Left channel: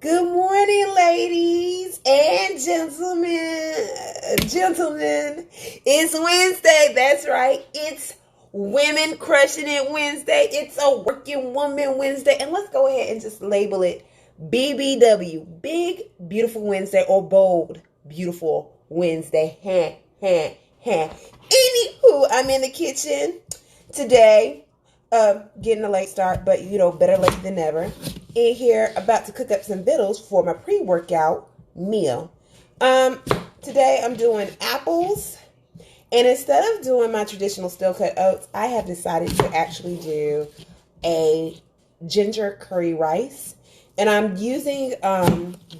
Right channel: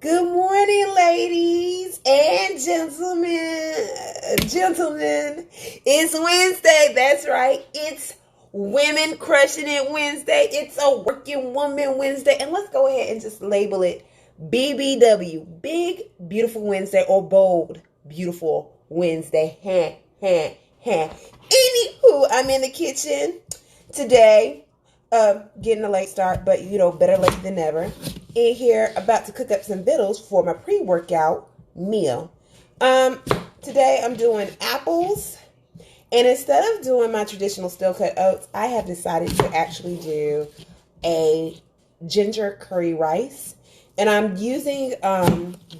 Good morning, ladies and gentlemen. Gentlemen, it's Wednesday. That's right. It's Women Crushing It Wednesday. It's a Working Woman Wednesday. And let's go ahead and just label it BBW. Big, Beautiful Wednesday, or Bold, Beautiful Wednesday. Anywho, I'm in the kitchen today. Getting a late start, but better late than never. In here, about to cook up some vittles for my pre-workout meal. Today I'm doing apples, and instead of doing my traditional steel cut oats, I have decided to actually do a ginger curry rice, and I'm using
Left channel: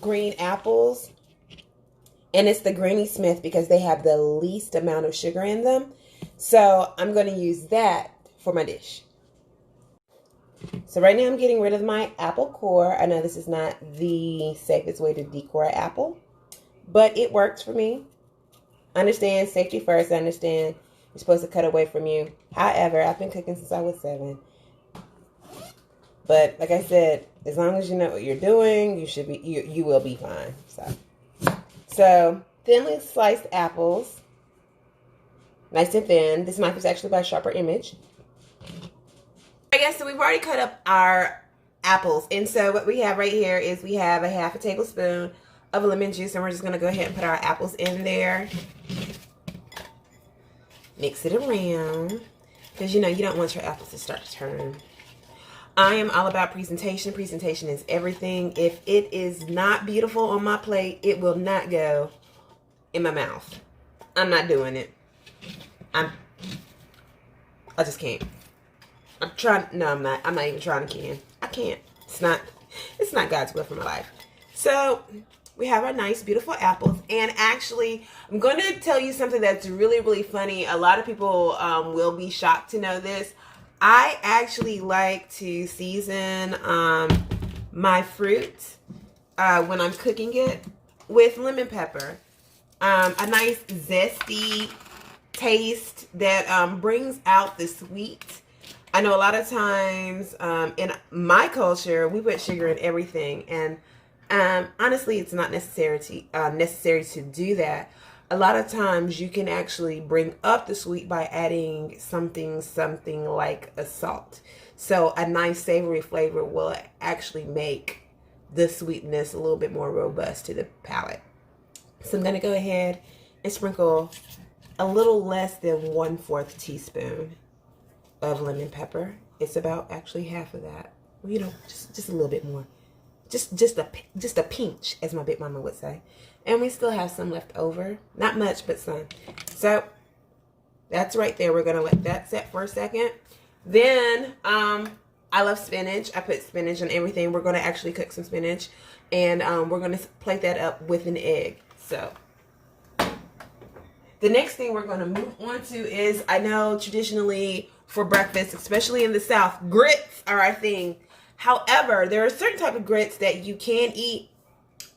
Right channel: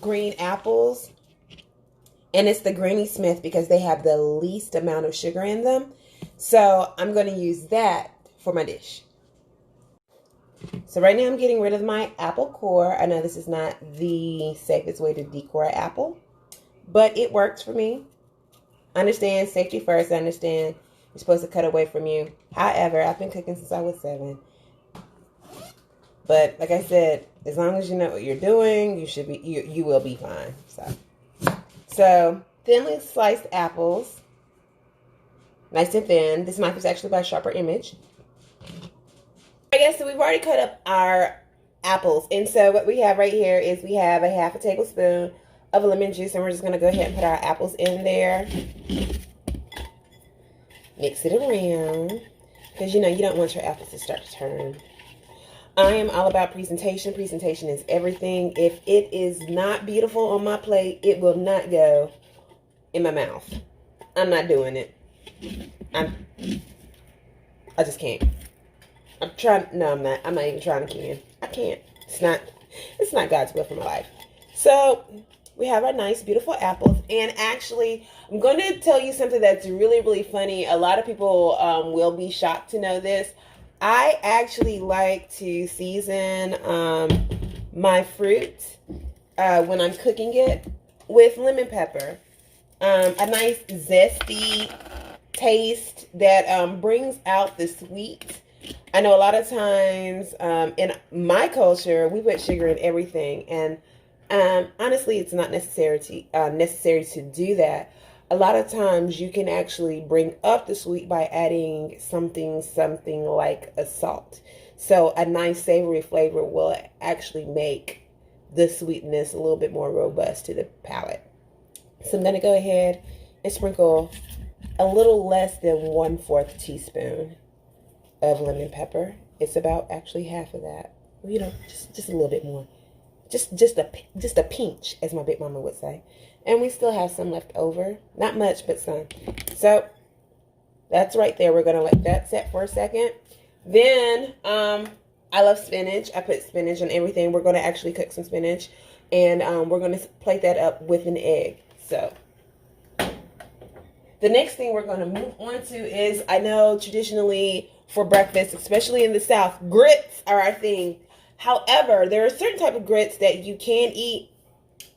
green apples, and it's the Granny Smith because they have the least amount of sugar in them. So I'm going to use that for my dish. So right now I'm getting rid of my apple core. I know this is not the safest way to decore an apple, but it works for me. I understand safety first. I understand you're supposed to cut away from you. However, I've been cooking since I was 7. But like I said, as long as you know what you're doing, you will be fine. So thinly sliced apples, nice and thin. This knife is actually by Sharper Image. Alright guys, so we've already cut up our apples, and so what we have right here is we have a half a tablespoon of lemon juice, and we're just going to go ahead and put our apples in there. Mix it around, because you don't want your apples to start to turn. I am all about presentation. Presentation is everything. If it is not beautiful on my plate, it will not go in my mouth. I'm not doing it. I just can't. I'm trying. No, I'm not. I'm not even trying to can. I can't. It's not God's will for my life. So we have our nice, beautiful apples. And actually, I'm going to tell you something that's really, really funny. A lot of people will be shocked to know this. I actually like to season my fruit when I'm cooking it with lemon pepper. A nice zesty taste that brings out the sweet. I know a lot of times in my culture, we put sugar in everything. And honestly, it's not necessary to do that. A lot of times you can actually bring up the sweet by adding something like a salt. So a nice savory flavor will actually make the sweetness a little bit more robust to the palate. So I'm going to go ahead and sprinkle a little less than 1/4 teaspoon of lemon pepper. It's about actually half of that. Just a little bit more. Just a pinch, as my big mama would say. And we still have some left over. Not much, but some. So that's right there. We're gonna let that set for a second. Then I love spinach. I put spinach on everything. We're gonna actually cook some spinach, and we're gonna plate that up with an egg. So the next thing we're gonna move on to is, I know traditionally for breakfast, especially in the South, grits are our thing. However, there are certain type of grits that you can eat,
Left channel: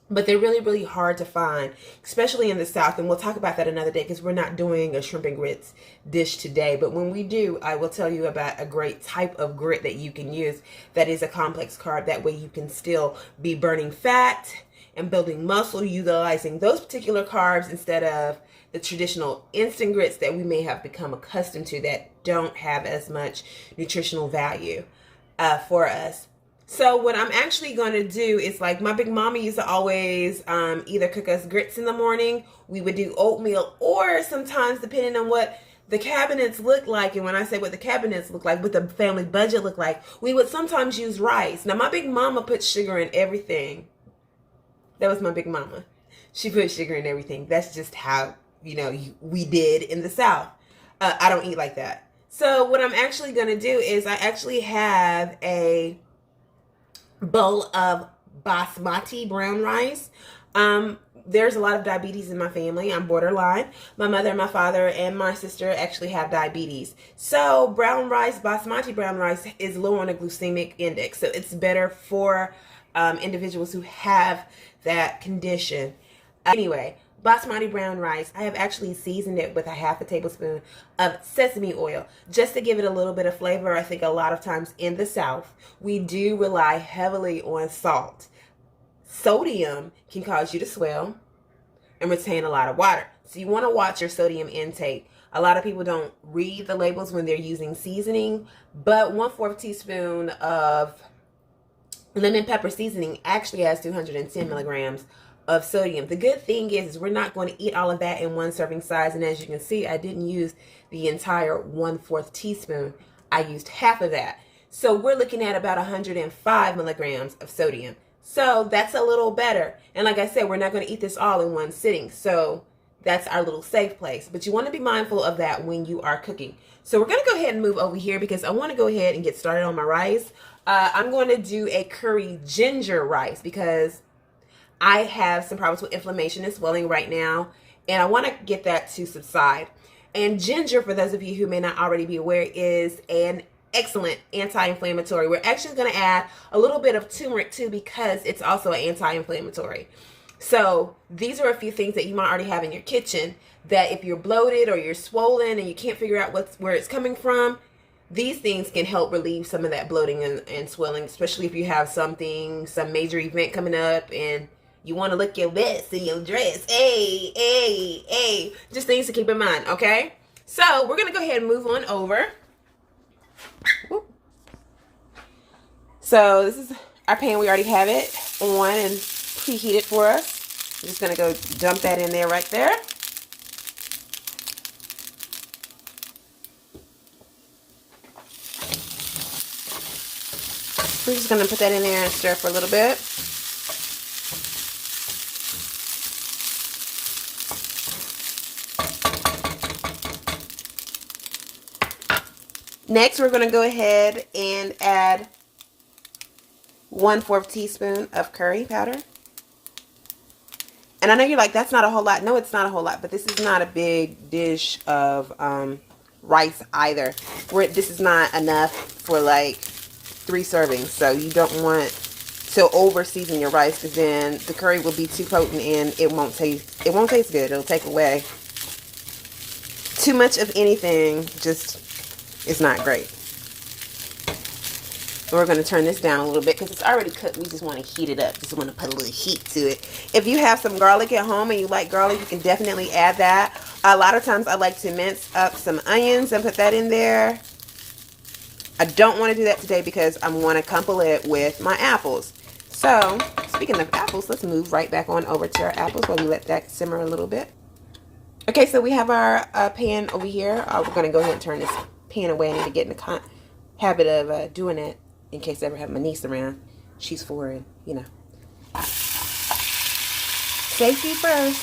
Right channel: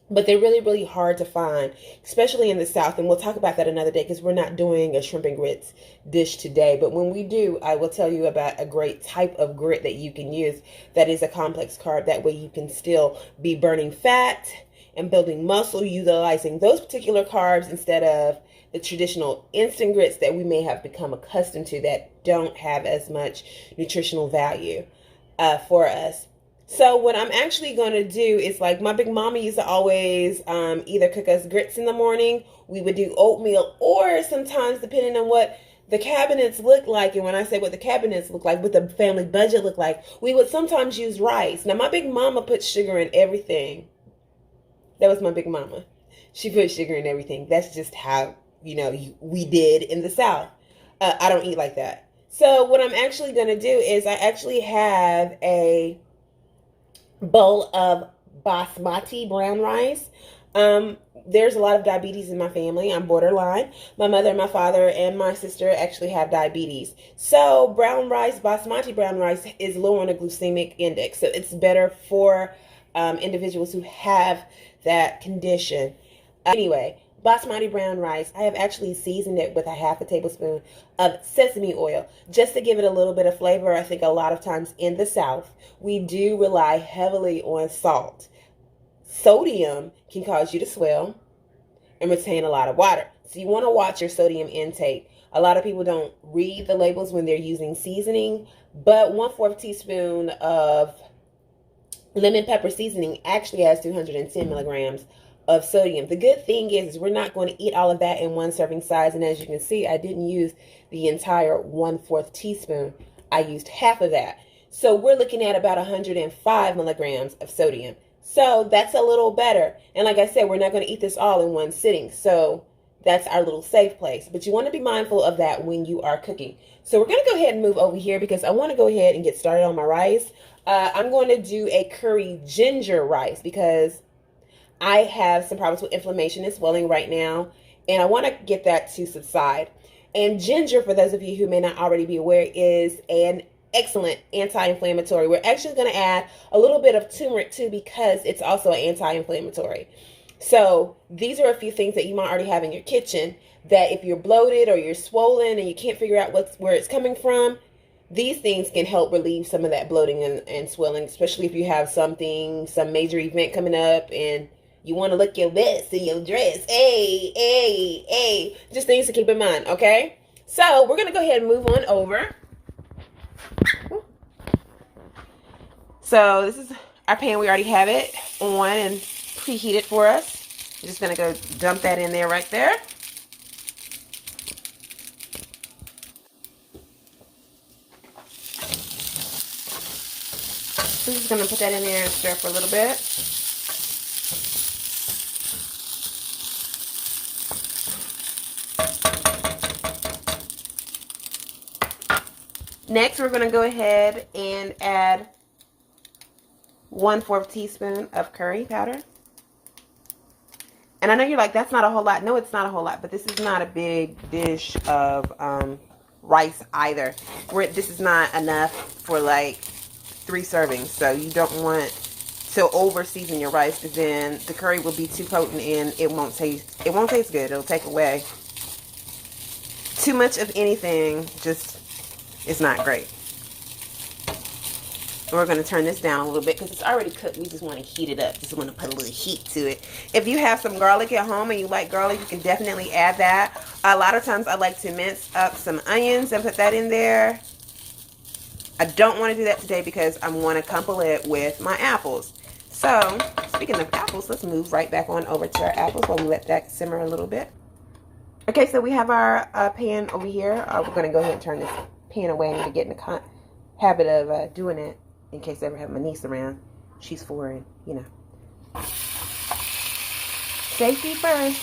but they're really, really hard to find, especially in the South. And we'll talk about that another day because we're not doing a shrimp and grits dish today. But when we do, I will tell you about a great type of grit that you can use that is a complex carb. That way you can still be burning fat and building muscle, utilizing those particular carbs instead of the traditional instant grits that we may have become accustomed to that don't have as much nutritional value for us. So what I'm actually going to do is, like my big mama used to always either cook us grits in the morning. We would do oatmeal, or sometimes depending on what the cabinets look like. And when I say what the cabinets look like, what the family budget look like, we would sometimes use rice. Now my big mama put sugar in everything. That was my big mama. She put sugar in everything. That's just how, we did in the South. I don't eat like that. So what I'm actually going to do is I actually have a bowl of basmati brown rice. There's a lot of diabetes in my family. I'm borderline. My mother, my father, and my sister actually have diabetes. So brown rice, basmati brown rice, is low on the glycemic index. So it's better for individuals who have that condition. Anyway, basmati brown rice, I have actually seasoned it with a half a tablespoon of sesame oil just to give it a little bit of flavor. I think a lot of times in the South, we do rely heavily on salt. sodium can cause you to swell and retain a lot of water. So you want to watch your sodium intake. A lot of people don't read the labels when they're using seasoning, but 1/4 teaspoon of lemon pepper seasoning actually has 210 milligrams of sodium. The good thing is we're not going to eat all of that in one serving size. And as you can see, I didn't use the entire 1/4 teaspoon. I used half of that. So we're looking at about 105 milligrams of sodium. So that's a little better. And like I said, we're not going to eat this all in one sitting. So that's our little safe place. But you want to be mindful of that when you are cooking. So we're going to go ahead and move over here because I want to go ahead and get started on my rice. I'm going to do a curry ginger rice because I have some problems with inflammation and swelling right now. And I want to get that to subside. And ginger, for those of you who may not already be aware, is an excellent anti-inflammatory. We're actually going to add a little bit of turmeric too because it's also an anti-inflammatory. So these are a few things that you might already have in your kitchen that if you're bloated or you're swollen and you can't figure out where it's coming from, these things can help relieve some of that bloating and swelling, especially if you have some major event coming up and you want to look your best in your dress. Hey. Just things to keep in mind, okay? So we're going to go ahead and move on over. So this is our pan. We already have it on and preheated for us. I'm just going to go dump that in there right there. I'm just going to put that in there and stir for a little bit. Next, we're going to go ahead and add 1/4 teaspoon of curry powder. And I know you're like, that's not a whole lot. No, it's not a whole lot, but this is not a big dish of rice either. This is not enough for like 3 servings. So you don't want to over season your rice because then the curry will be too potent and it won't taste good. It'll take away too much of anything. Just it's not great. We're going to turn this down a little bit because it's already cooked. We just want to heat it up. Just want to put a little heat to it. If you have some garlic at home and you like garlic, you can definitely add that. A lot of times I like to mince up some onions and put that in there. I don't want to do that today because I want to couple it with my apples. So, speaking of apples, let's move right back on over to our apples while we let that simmer a little bit. Okay, so we have our pan over here. We're going to go ahead and turn this pan away. I need to get in the habit of doing it in case I ever have my niece around. She's 4 and, you know. Safety first.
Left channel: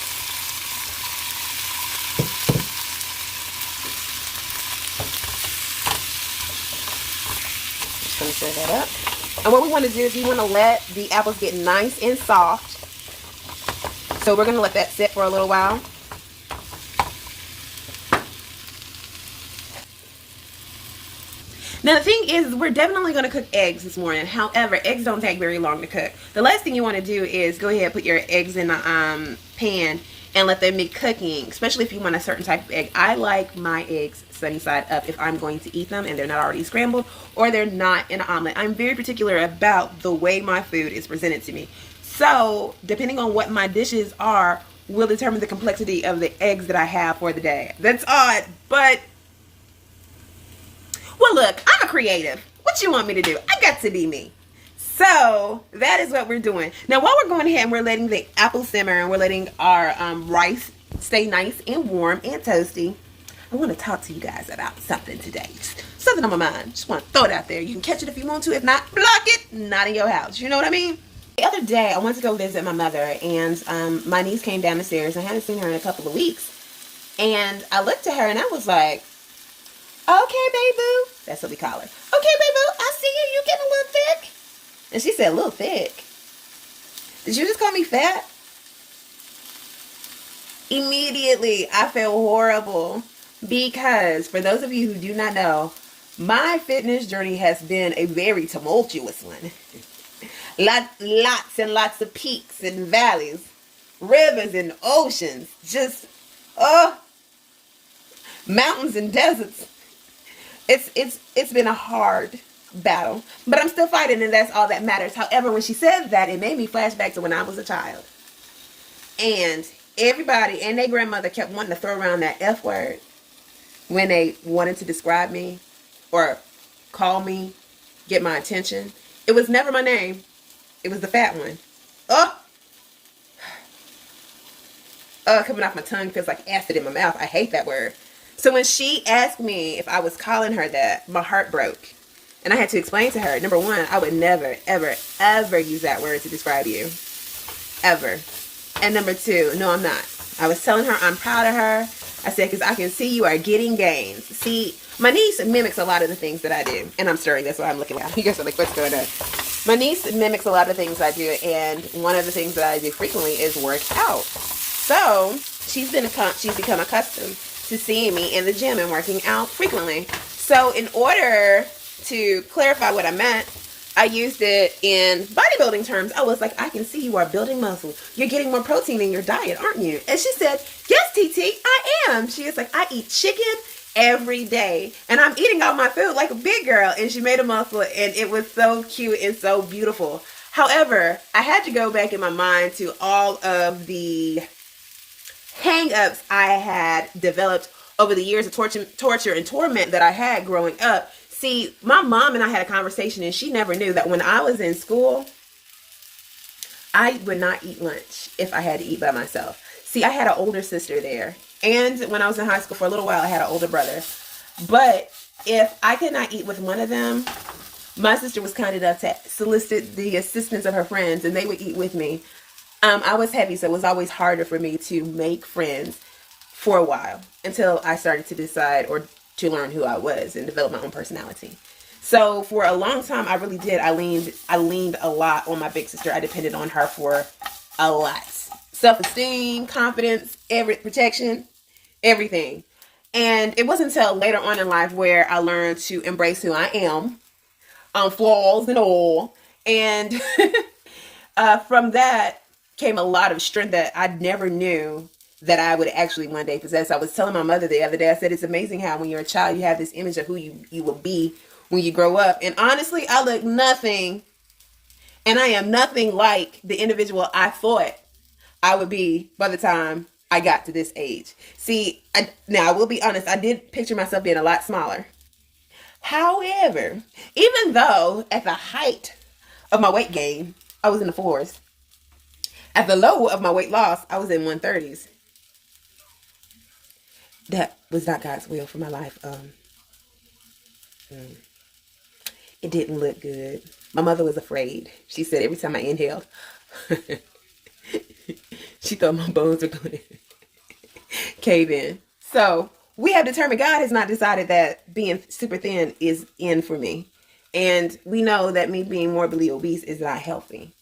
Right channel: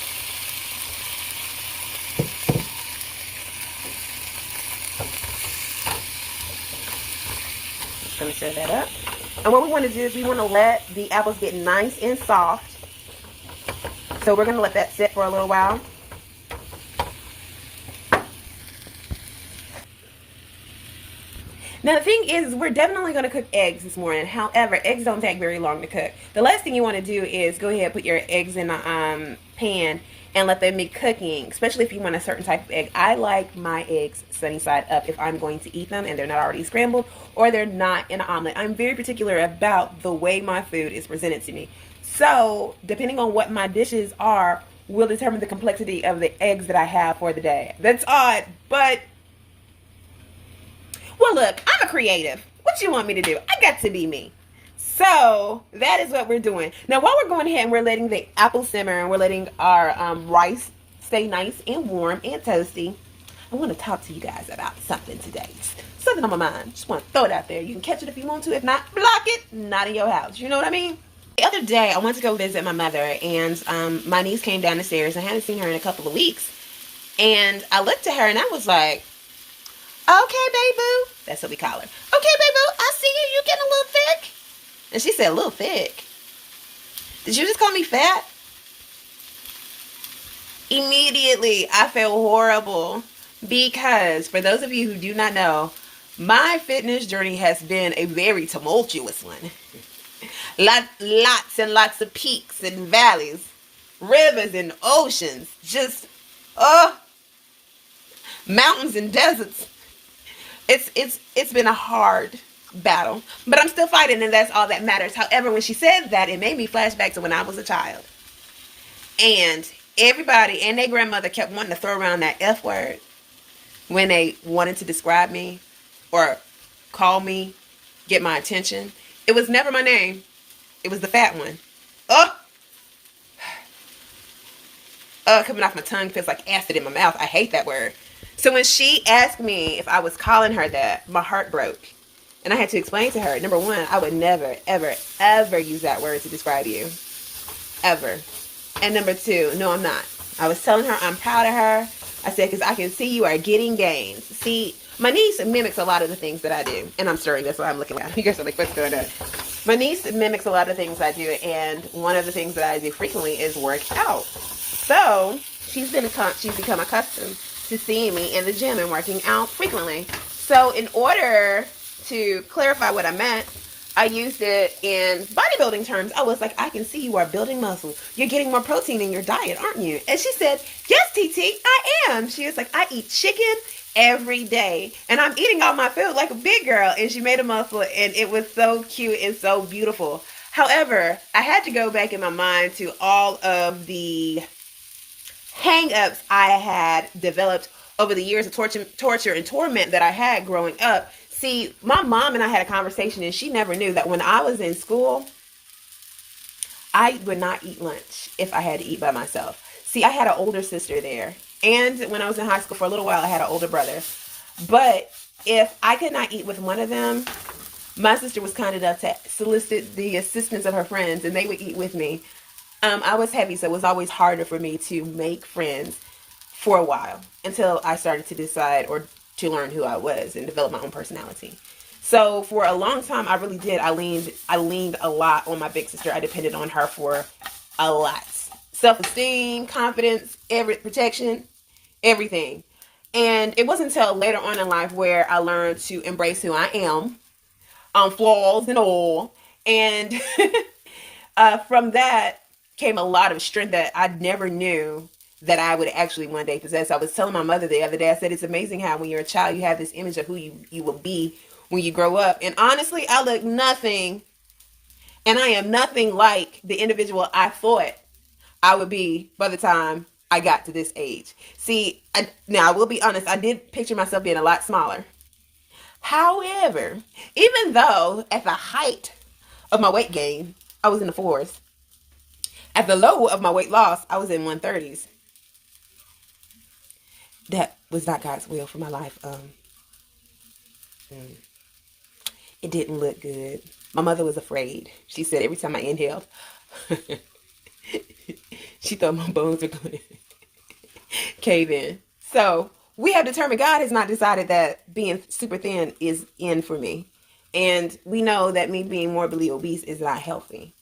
Just going to stir that up. And what we want to do is we want to let the apples get nice and soft. So we're going to let that sit for a little while. Now the thing is, we're definitely going to cook eggs this morning. However, eggs don't take very long to cook. The last thing you want to do is go ahead and put your eggs in a pan and let them be cooking, especially if you want a certain type of egg. I like my eggs sunny side up if I'm going to eat them and they're not already scrambled or they're not in an omelet. I'm very particular about the way my food is presented to me. So depending on what my dishes are will determine the complexity of the eggs that I have for the day. That's odd, but well, look, I'm a creative. What you want me to do? I got to be me. So that is what we're doing. Now, while we're going ahead and we're letting the apple simmer and we're letting our rice stay nice and warm and toasty, I want to talk to you guys about something today. Something on my mind. Just want to throw it out there. You can catch it if you want to. If not, block it. Not in your house. You know what I mean? The other day, I went to go visit my mother, and my niece came down the stairs. I hadn't seen her in a couple of weeks. And I looked at her, and I was like, okay, baby boo. That's what we call her. Okay, baby boo, I see you. You getting a little thick. And she said, a little thick. Did you just call me fat? Immediately, I felt horrible. Because, for those of you who do not know, my fitness journey has been a very tumultuous one. Lots and lots of peaks and valleys. Rivers and oceans. Just, mountains and deserts. It's been a hard battle. But I'm still fighting, and that's all that matters. However, when she said that, it made me flash back to when I was a child. And everybody and their grandmother kept wanting to throw around that F word when they wanted to describe me or call me, get my attention. It was never my name. It was the fat one. Oh, coming off my tongue feels like acid in my mouth. I hate that word. So when she asked me if I was calling her that, my heart broke. And I had to explain to her, number one, I would never, ever, ever use that word to describe you. Ever. And number two, no, I'm not. I was telling her I'm proud of her. I said, because I can see you are getting gains. See, my niece mimics a lot of the things that I do. And I'm stirring, that's why I'm looking around. You guys are like, what's going on? My niece mimics a lot of things I do. And one of the things that I do frequently is work out. So she's become accustomed to seeing me in the gym and working out frequently. So in order to clarify what I meant, I used it in bodybuilding terms. I was like, I can see you are building muscle. You're getting more protein in your diet, aren't you? And she said, yes, TT, I am. She was like, I eat chicken every day. And I'm eating all my food like a big girl. And she made a muscle. And it was so cute and so beautiful. However, I had to go back in my mind to all of the hang-ups I had developed over the years of torture and torment that I had growing up. See, my mom and I had a conversation, and she never knew that when I was in school, I would not eat lunch if I had to eat by myself. See, I had an older sister there. And when I was in high school for a little while, I had an older brother. But if I could not eat with one of them, my sister was kind enough to solicit the assistance of her friends, and they would eat with me. I was heavy, so it was always harder for me to make friends for a while until I started to decide or to learn who I was and develop my own personality. So for a long time, I really did. I leaned a lot on my big sister. I depended on her for a lot. Self-esteem, confidence, protection, everything. And it wasn't until later on in life where I learned to embrace who I am, flaws and all. And from that came a lot of strength that I never knew that I would actually one day possess. I was telling my mother the other day, I said, it's amazing how when you're a child, you have this image of who you will be when you grow up. And honestly, I look nothing, and I am nothing like the individual I thought I would be by the time I got to this age. See, now I will be honest, I did picture myself being a lot smaller. However, even though at the height of my weight gain, I was in the 4s, at the low of my weight loss, I was in 130s. That was not God's will for my life. It didn't look good. My mother was afraid. She said every time I inhaled, she thought my bones were going to cave in. So we have determined, God has not decided that being super thin is in for me. And we know that me being morbidly obese is not healthy.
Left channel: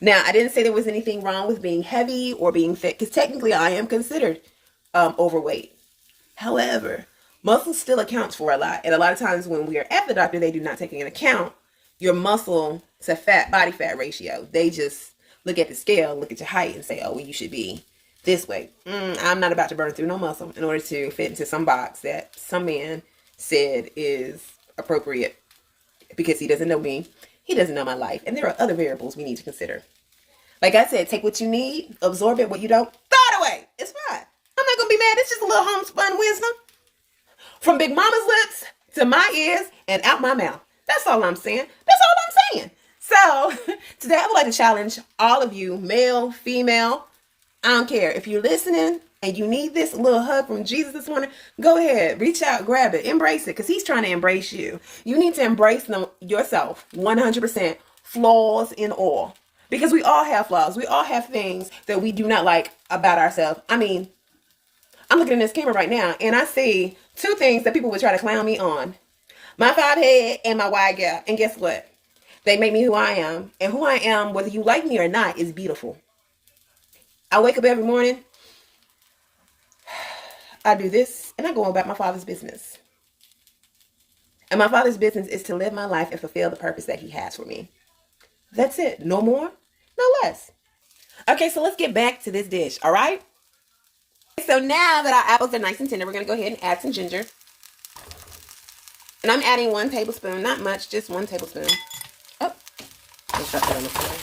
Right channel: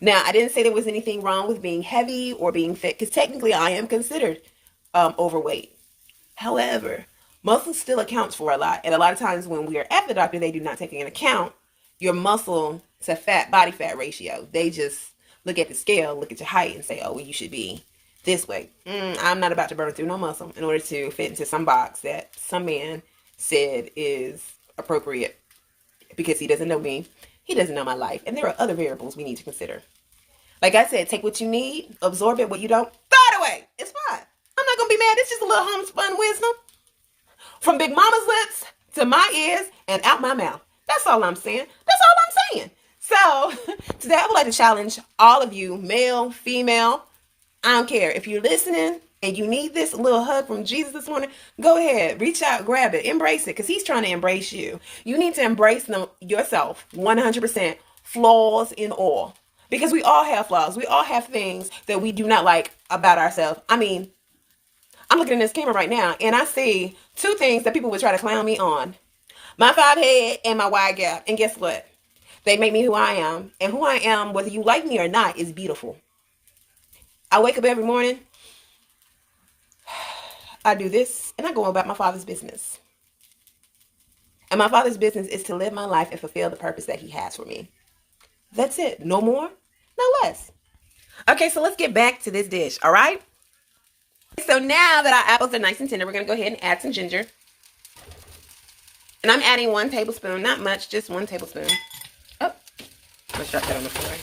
Now, I didn't say there was anything wrong with being heavy or being fit, because technically I am considered overweight. However, muscle still accounts for a lot. And a lot of times when we are at the doctor, they do not take into account your muscle to body fat ratio. They just look at the scale, look at your height, and say, oh, well, you should be this way. I'm not about to burn through no muscle in order to fit into some box that some man said is appropriate, because he doesn't know me. He doesn't know my life. And there are other variables we need to consider. Like I said, take what you need, absorb it. What you don't, throw it away. It's fine. I'm not going to be mad. It's just a little homespun wisdom from Big Mama's lips to my ears and out my mouth. That's all I'm saying. That's all I'm saying. So today I would like to challenge all of you, male, female. I don't care. If you're listening and you need this little hug from Jesus this morning, go ahead, reach out, grab it, embrace it, because he's trying to embrace you. You need to embrace yourself 100%, flaws in all. Because we all have flaws. We all have things that we do not like about ourselves. I mean, I'm looking at this camera right now, and I see two things that people would try to clown me on. My fob head and my wide gap. And guess what? They make me who I am. And who I am, whether you like me or not, is beautiful. I wake up every morning, I do this, and I go about my Father's business. And my Father's business is to live my life and fulfill the purpose that he has for me. That's it. No more, no less. Okay, so let's get back to this dish, all right? So now that our apples are nice and tender, we're going to go ahead and add some ginger. And I'm adding 1 tablespoon, not much, just 1 tablespoon. Oh, let's drop that on the floor.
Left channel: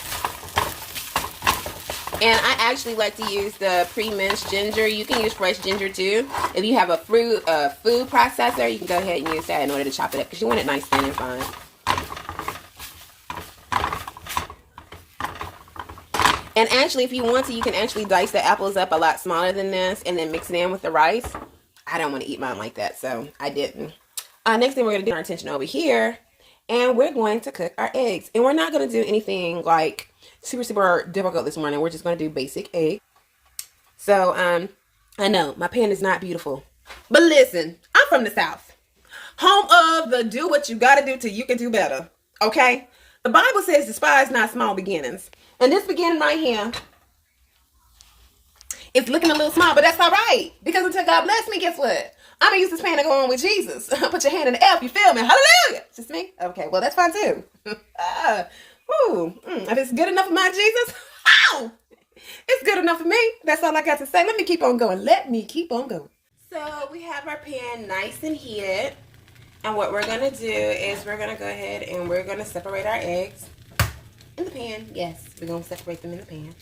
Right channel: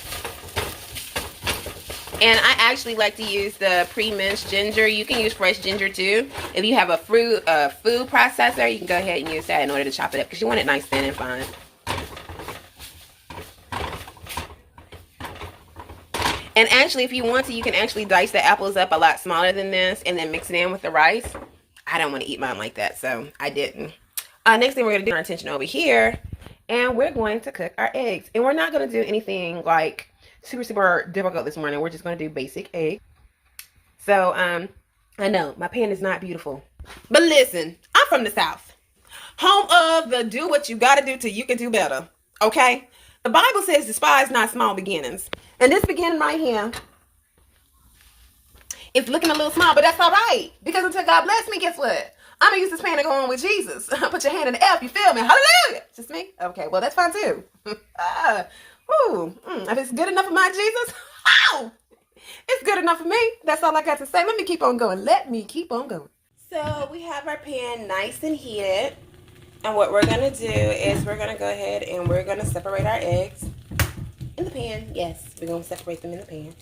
And I actually like to use the pre-minced ginger. You can use fresh ginger too. If you have a food processor, you can go ahead and use that in order to chop it up because you want it nice, thin, and fine. And actually, if you want to, you can actually dice the apples up a lot smaller than this and then mix it in with the rice. I don't want to eat mine like that, so I didn't. Next thing we're going to do, our attention over here, and we're going to cook our eggs. And we're not going to do anything like super difficult this morning. We're just going to do basic eggs. So, I know my pan is not beautiful, but listen, I'm from the South, home of the do what you got to do till you can do better. Okay. The Bible says despise not small beginnings. And this beginning right here, it's looking a little small, but that's all right. Because until God bless me, guess what? I'm going to use this pan to go on with Jesus. Put your hand in the air if you feel me. Hallelujah. Just me? Okay, well, that's fine too. If it's good enough for my Jesus, it's good enough for me. That's all I got to say. Let me keep on going. Let me keep on going. So we have our pan nice and heated. And what we're going to do is we're going to go ahead and we're going to separate our eggs in the pan. Yes, we're going to separate them in the pan.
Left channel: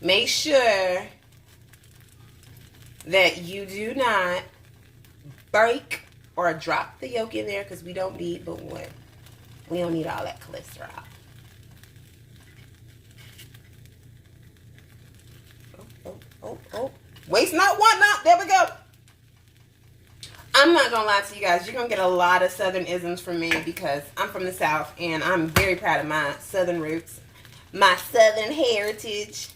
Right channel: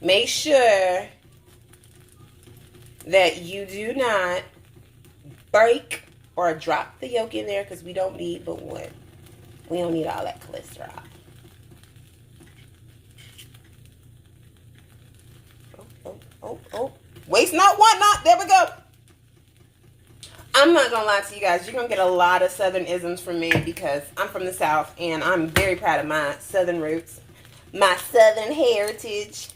Make sure that you do not break or drop the yolk in there because we don't need but one. We don't need all that cholesterol. Oh. Waste not, want not. There we go. I'm not going to lie to you guys. You're going to get a lot of Southern isms from me because I'm from the South and I'm very proud of my Southern roots, my Southern heritage.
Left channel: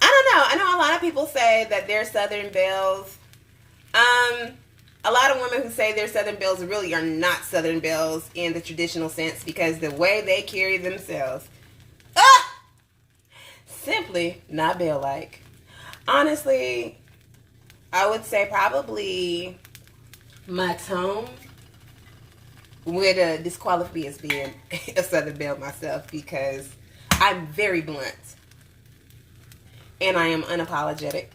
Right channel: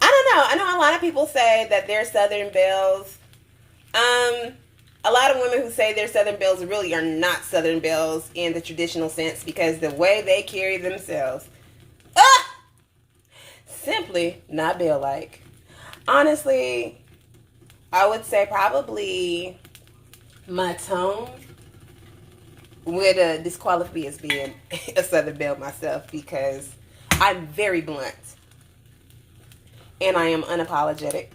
I don't know. I know a lot of people say that they're Southern belles. A lot of women who say they're Southern belles really are not Southern belles in the traditional sense because the way they carry themselves, simply not belle-like. Honestly, I would say probably my tone would disqualify me as being a Southern belle myself because I'm very blunt and I am unapologetic.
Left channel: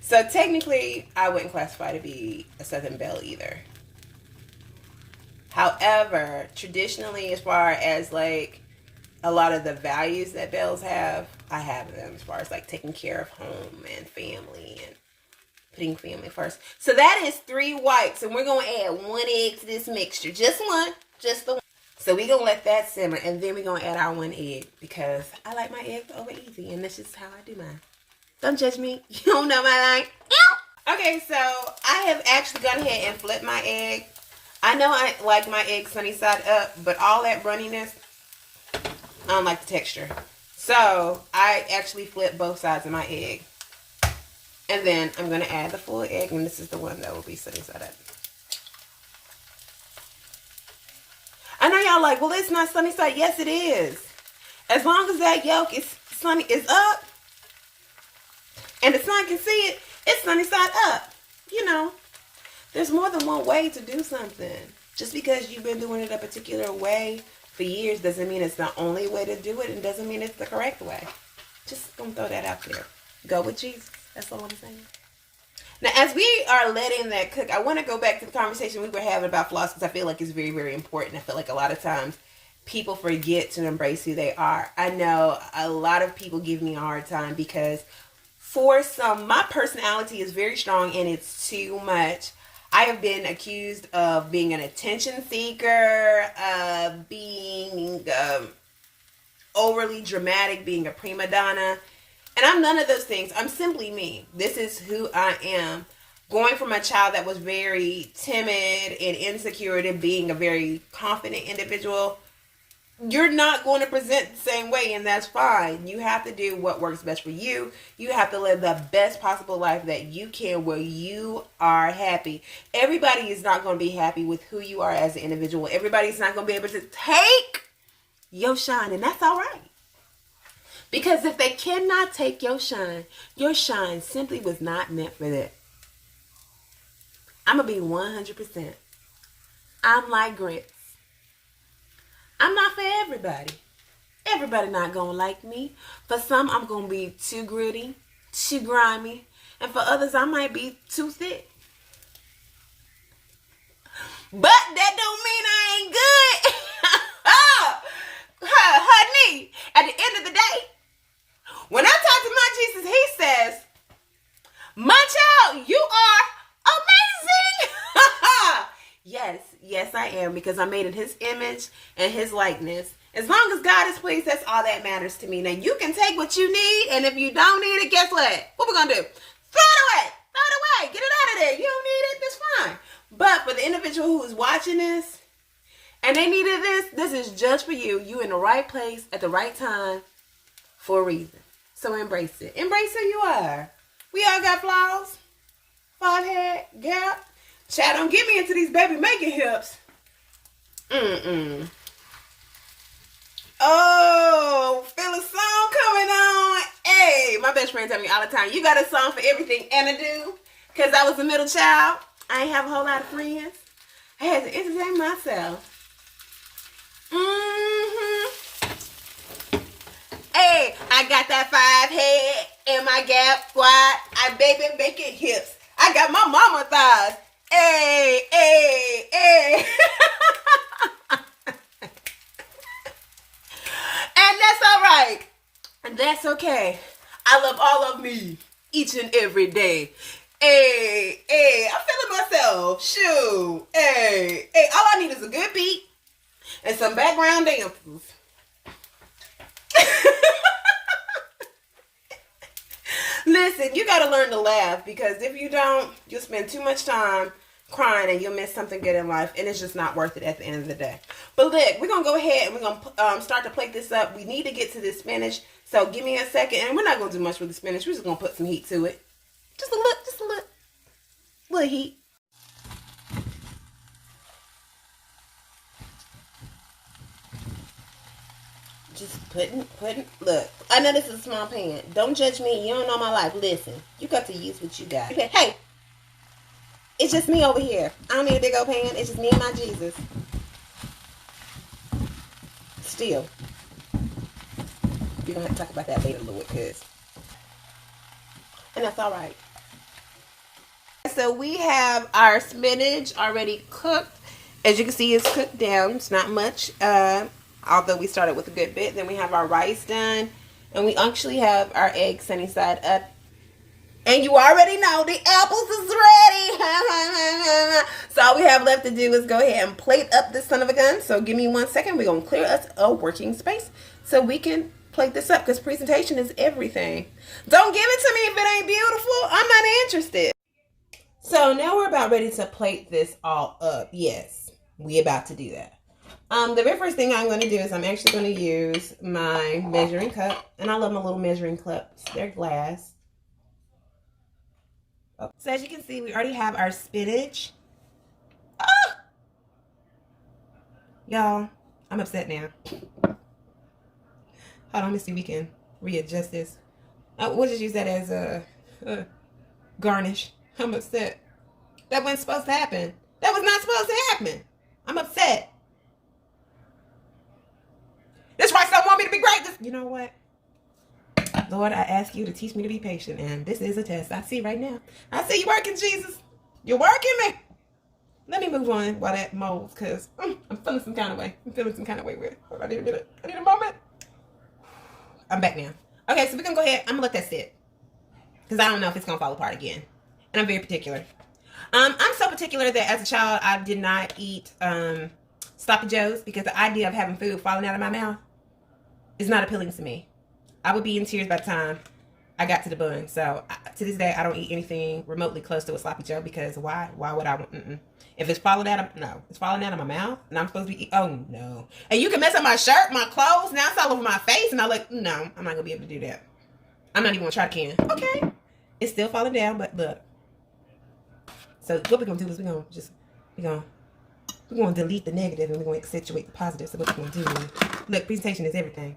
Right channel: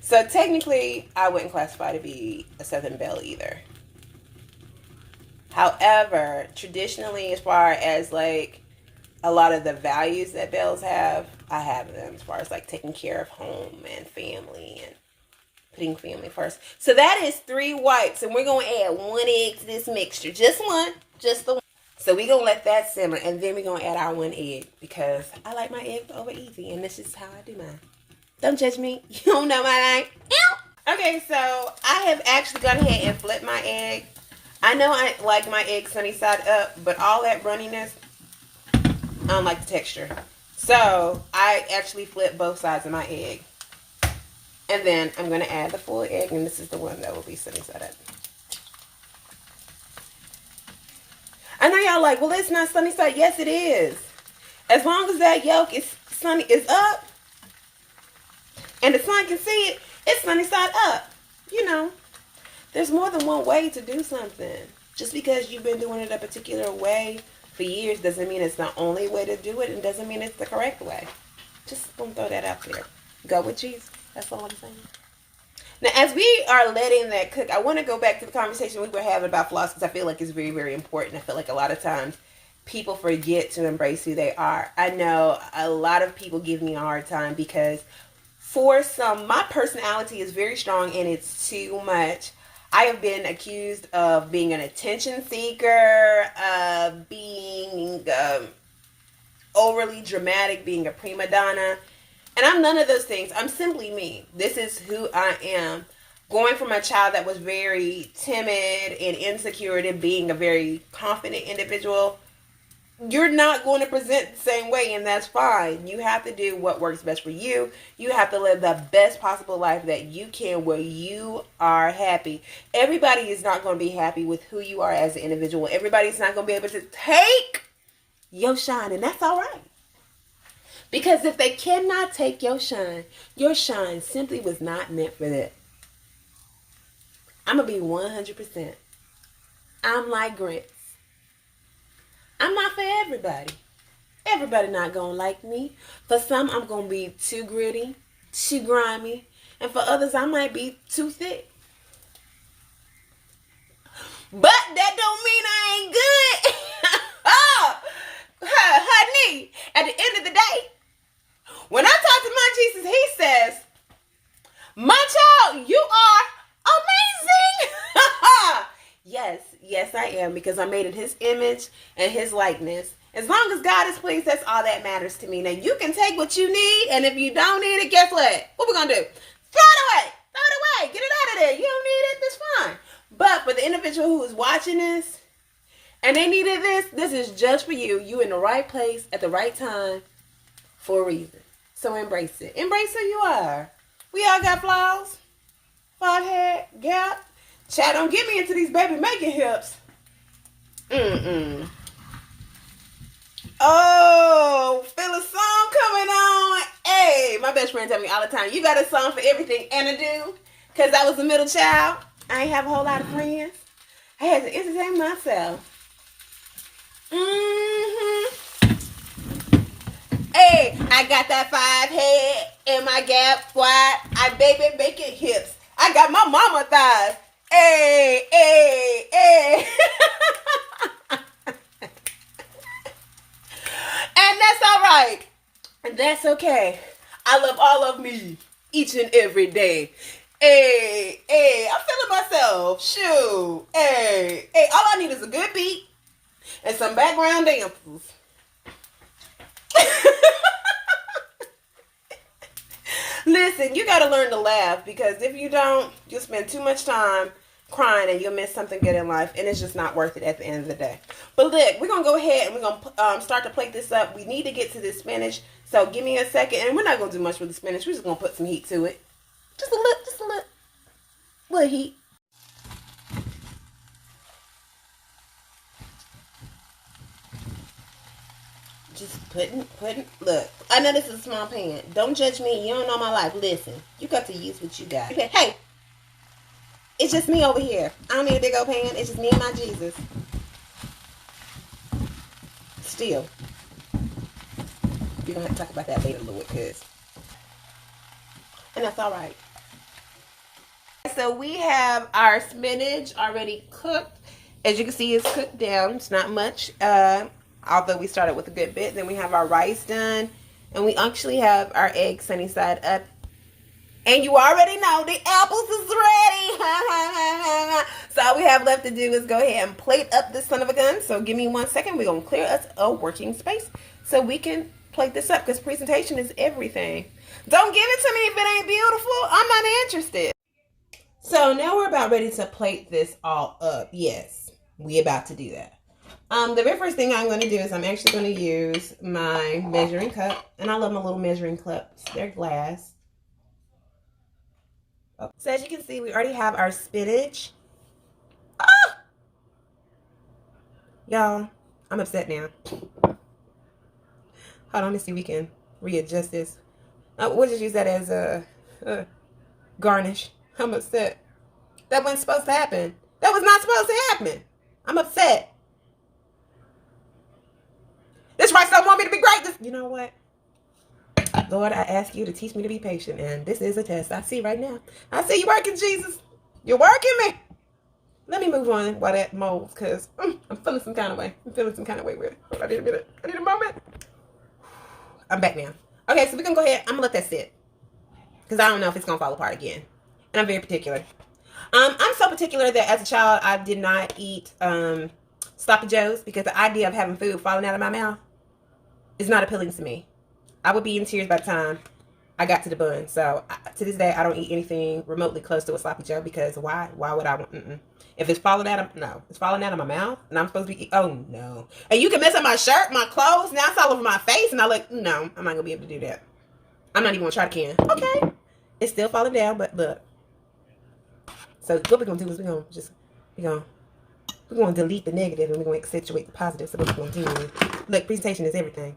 So technically, I wouldn't classify to be a Southern belle either. However, traditionally, as far as like a lot of the values that belles have, I have them as far as like taking care of home and family and putting family first. So that is 3 whites, and we're going to add 1 egg to this mixture. Just one, just the one. So we're going to let that simmer, and then we're going to add our 1 egg because I like my eggs over easy, and that's just how I do mine. Don't judge me. You don't know my name. Okay, so I have actually gone ahead and flipped my egg. I know I like my egg sunny side up, but all that runniness, I don't like the texture. So I actually flipped both sides of my egg. And then I'm going to add the full egg, and this is the one that will be sunny side up. I know y'all like, well, it's not sunny side. Yes, it is. As long as that yolk is up, and the sun can see it, it's sunny side up. You know, there's more than one way to do something. Just because you've been doing it a particular way for years doesn't mean it's the only way to do it, and doesn't mean it's the correct way. Just gonna throw that out there. Go with Jesus. That's all I'm saying. Now, as we are letting that cook, I want to go back to the conversation we were having about floss because I feel like it's very, very important. I feel like a lot of times people forget to embrace who they are. I know a lot of people give me a hard time because for some, my personality is very strong and it's too much. I have been accused of being an attention seeker, of being overly dramatic, being a prima donna. And I'm none of those things. I'm simply me. This is who I am. Going from a child that was very timid and insecure to being a very confident individual, you're not going to present the same way, and that's fine. You have to do what works best for you. You have to live the best possible life that you can where you are happy. Everybody is not going to be happy with who you are as an individual. Everybody's not going to be able to take your shine, and that's all right. Because if they cannot take your shine simply was not meant for that. I'm going to be 100%. I'm like grits. I'm not for everybody. Everybody not going to like me. For some, I'm going to be too gritty, too grimy. And for others, I might be too thick. But that don't mean I ain't good. Honey, at the end of the day, when I talk to my Jesus, he says, my child, you are amazing. Yes, I am, because I'm made in his image and his likeness. As long as God is pleased, that's all that matters to me. Now, you can take what you need, and if you don't need it, guess what? What we gonna do? Throw it away. Throw it away. Get it out of there. You don't need it. It's fine. But for the individual who is watching this, and they needed this is just for you. You in the right place at the right time for a reason. So embrace it. Embrace who you are. We all got flaws. Forehead, gap. Child, don't get me into these baby making hips. Oh, feel a song coming on. Hey, my best friend tell me all the time, you got a song for everything, and I do. Because I was a middle child. I ain't have a whole lot of friends. I had to entertain myself. Hey, I got that 5 head and my gap wide. I baby making hips. I got my mama thighs. Hey. And that's all right. And that's okay. I love all of me each and every day. Hey, I'm feeling myself. Shoot. Hey, all I need is a good beat and some background dancers. Listen, you got to learn to laugh, because if you don't, you'll spend too much time crying and you'll miss something good in life, and it's just not worth it at the end of the day. But look, we're going to go ahead and we're going to start to plate this up. We need to get to this spinach, so give me a second, and we're not going to do much with the spinach. We're just going to put some heat to it. Just a little heat. Just putting, look, I know this is a small pan. Don't judge me. You don't know my life. Listen, you got to use what you got. Hey, it's just me over here. I don't need a big old pan. It's just me and my Jesus. Still, we're going to have to talk about that later a little bit, and that's all right. So we have our spinach already cooked. As you can see, it's cooked down. It's not much. Although we started with a good bit. Then we have our rice done. And we actually have our eggs sunny side up. And you already know the apples is ready. So all we have left to do is go ahead and plate up this son of a gun. So give me 1 second. We're going to clear us a working space so we can plate this up, because presentation is everything. Don't give it to me if it ain't beautiful. I'm not interested. So now we're about ready to plate this all up. Yes, we about to do that. The very first thing I'm going to do is I'm actually going to use my measuring cup. And I love my little measuring cups. They're glass. Oh. So as you can see, we already have our spinach. Ah! Y'all, I'm upset now. Hold on, let me see if we can readjust this. We'll just use that as a garnish. I'm upset. That wasn't supposed to happen. That was not supposed to happen. I'm upset. This rice don't want me to be great. You know what? Lord, I ask you to teach me to be patient, and this is a test. I see right now. I see you working, Jesus. You're working me. Let me move on while that molds, because I'm feeling some kind of way. I'm feeling some kind of way with it. Hold on, I need a minute. I need a moment. I'm back now. Okay, so we're going to go ahead. I'm going to let that sit, because I don't know if it's going to fall apart again. And I'm very particular. I'm so particular that as a child, I did not eat Sloppy Joes, because the idea of having food falling out of my mouth is not appealing to me. I would be in tears by the time I got to the bun. So to this day, I don't eat anything remotely close to a Sloppy Joe, because why? Why would I? If it's falling out of, no, it's falling out of my mouth, and I'm supposed to be, oh no. And you can mess up my shirt, my clothes, now it's all over my face, and I look, no, I'm not going to be able to do that. I'm not even going to try to can. Okay. It's still falling down, but look. So what we're going to do is we're going to delete the negative, and we're going to accentuate the positive. So what we're going to do is, look, presentation is everything.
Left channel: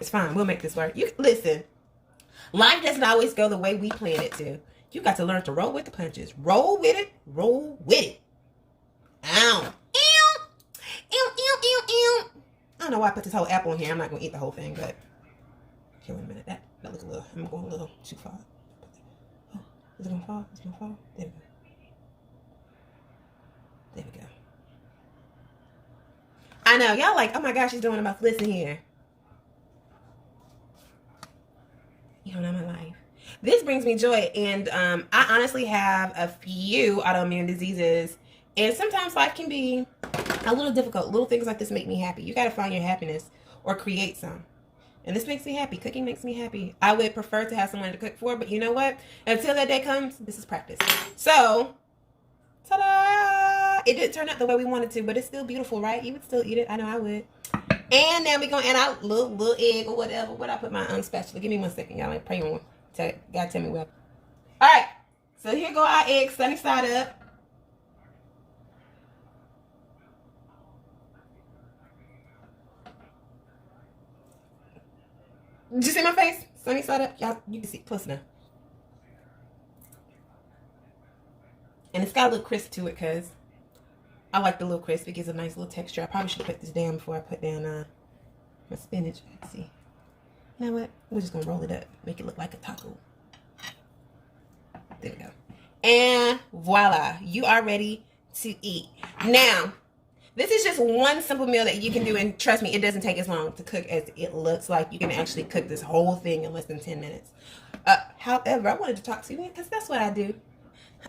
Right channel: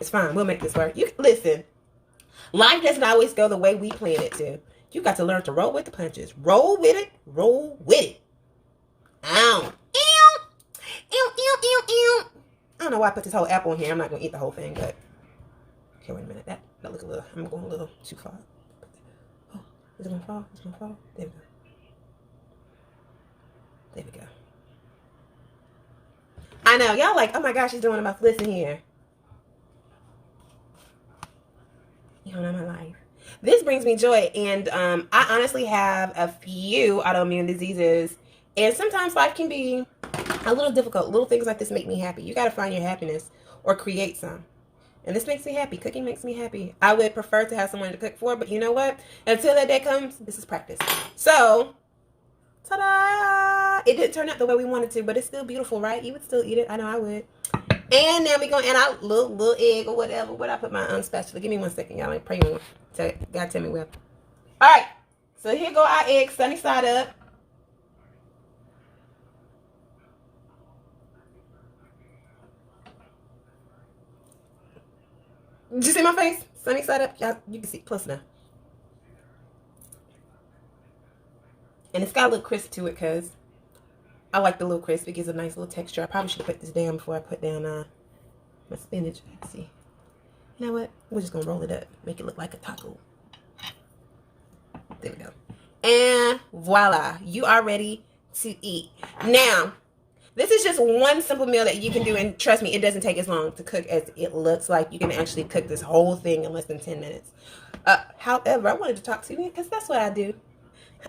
It's fine. We'll make this work. Listen, life doesn't always go the way we plan it to. You got to learn to roll with the punches. Roll with it. Roll with it. Ow. Ew. Ew, ew, ew, ew. I don't know why I put this whole apple in here. I'm not going to eat the whole thing, but... Okay, wait a minute. That look a little... I'm going a little too far. Is it gonna fall? Is it gonna fall? There we go. There we go. I know, y'all like, oh my gosh, she's doing about to listen here. You don't know my life. This brings me joy, and I honestly have a few autoimmune diseases, and sometimes life can be a little difficult. Little things like this make me happy. You got to find your happiness or create some. And this makes me happy. Cooking makes me happy. I would prefer to have someone to cook for, but you know what? Until that day comes, this is practice. So, ta-da! It didn't turn out the way we wanted to, but it's still beautiful, right? You would still eat it. I know I would. And then we're going to add our little egg or whatever. Where I put my spatula? Give me 1 second, y'all. Like, pray on. Gotta tell me where. All right. So here go our eggs, sunny side up. Did you see my face? Sunny side up. Y'all, you can see close enough. And it's got a little crisp to it because I like the little crisp. It gives a nice little texture. I probably should put this down before I put down my spinach. Let's see. You know what? We're just going to roll it up. Make it look like a taco. There we go. And voila. You are ready to eat. Now, this is just one simple meal that you can do. And trust me, it doesn't take as long to cook as it looks like. You can actually cook this whole thing in less than 10 minutes. However, I wanted to talk to you because that's what I do.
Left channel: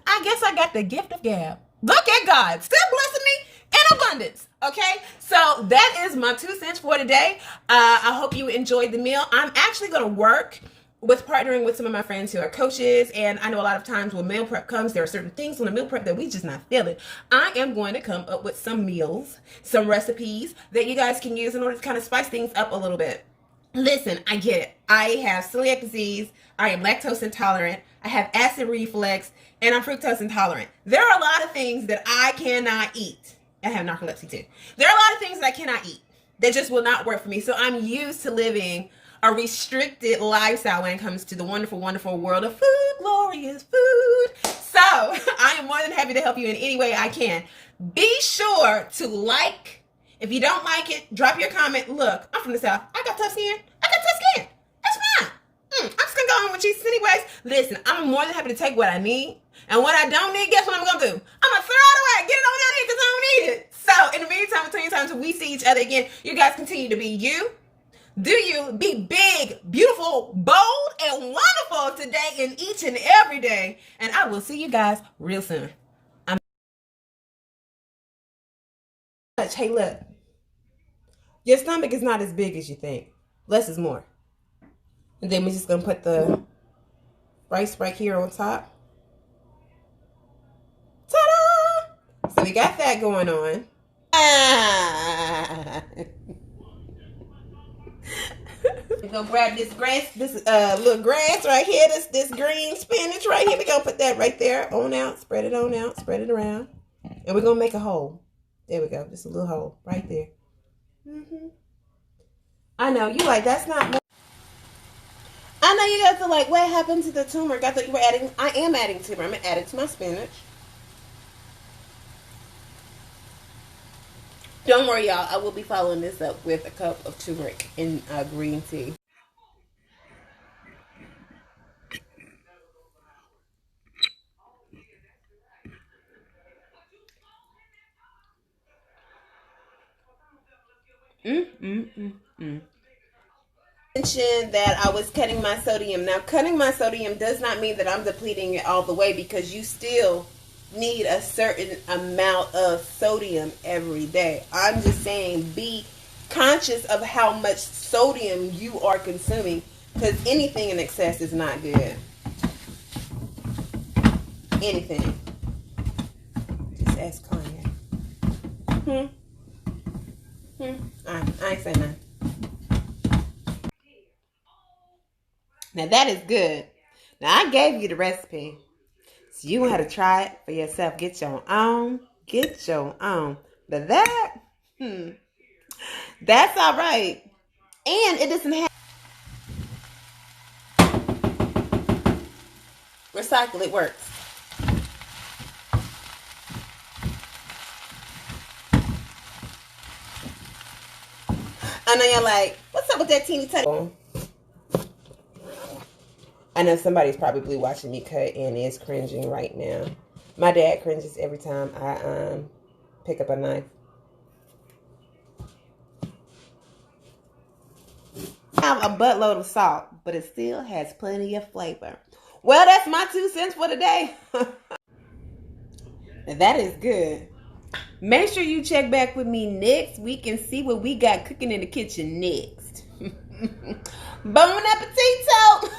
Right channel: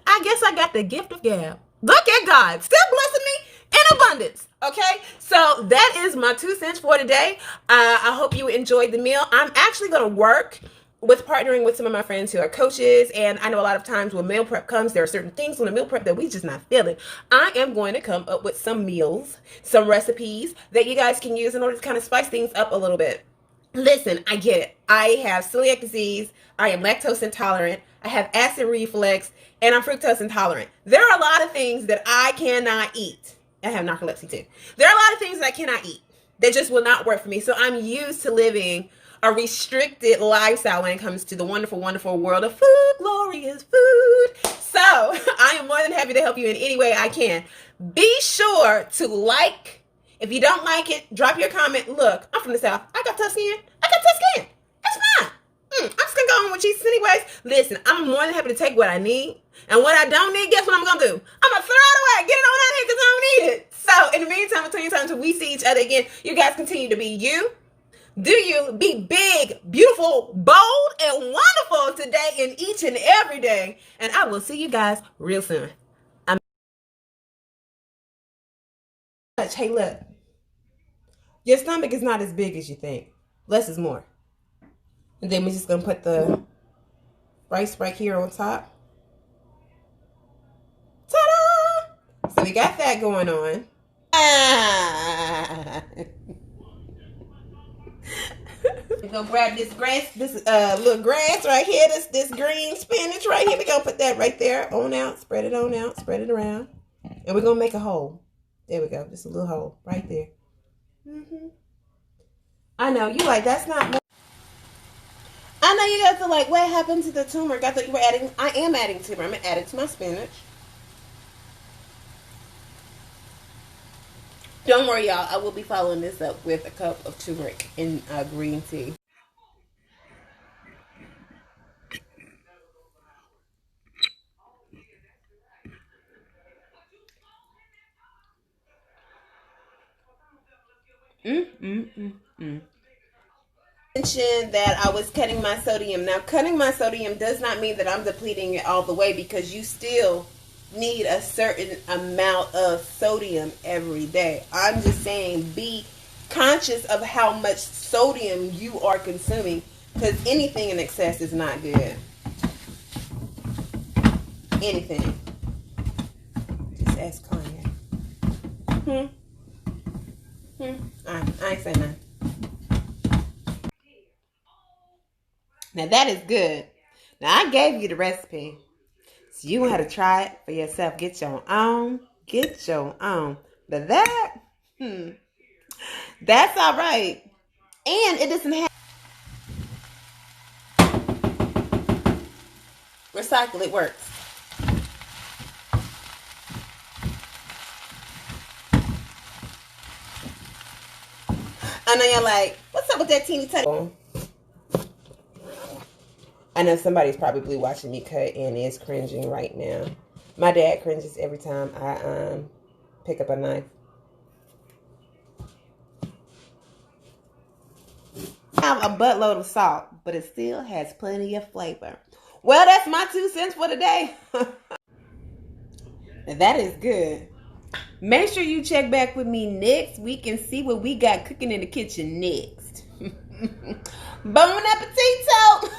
I guess I got the gift of gab. Look at God. Still blessing me in abundance. Okay? So that is my 2 cents for today. I hope you enjoyed the meal. I'm actually going to work with partnering with some of my friends who are coaches. And I know a lot of times when meal prep comes, there are certain things on the meal prep that we just not feeling. I am going to come up with some meals, some recipes that you guys can use in order to kind of spice things up a little bit. Listen, I get it. I have celiac disease. I am lactose intolerant. I have acid reflux. And I'm fructose intolerant. There are a lot of things that I cannot eat. I have narcolepsy too. There are a lot of things that I cannot eat that just will not work for me. So I'm used to living a restricted lifestyle when it comes to the wonderful, wonderful world of food, glorious food. So I am more than happy to help you in any way I can. Be sure to like. If you don't like it, drop your comment. Look, I'm from the South. I got tough skin. I got tough skin. That's fine. I'm just going to go on with Jesus anyways. Listen, I'm more than happy to take what I need. And what I don't need, guess what I'm going to do? I'm going to throw it away. Get it on out here because I don't need it. So in the meantime, between times when we see each other again, you guys continue to be you. Do you be big, beautiful, bold, and wonderful today and each and every day. And I will see you guys real soon. Hey, look. Your stomach is not as big as you think. Less is more. And then we're just going to put the rice right here on top. Ta-da! So we got that going on. We're going to grab this grass, this little grass right here, this green spinach right here. We're going to put that right there, on out, spread it on out, spread it around. And we're going to make a hole. There we go. Just a little hole right there. I know. You like, that's not... I know you guys are like, what happened to the turmeric? I thought you were adding... I am adding turmeric. I'm going to add it to my spinach. Don't worry, y'all. I will be following this up with a cup of turmeric and green tea. Mentioned that I was cutting my sodium. Now, cutting my sodium does not mean that I'm depleting it all the way, because you still need a certain amount of sodium every day. I'm just saying, be conscious of how much sodium you are consuming, because anything in excess is not good. Anything. Just ask Kanye. I ain't saying nothing. Now that is good. Now I gave you the recipe, so you want to try it for yourself. Get your own. Get your own. But that, that's all right. And it doesn't have recycle. It works. I know you're like, what's up with that teeny tiny? I know somebody's probably watching me cut and is cringing right now. My dad cringes every time I pick up a knife. I have a buttload of salt, but it still has plenty of flavor. Well, that's my 2 cents for today. That is good. Make sure you check back with me next week and see what we got cooking in the kitchen next. Bon appetito!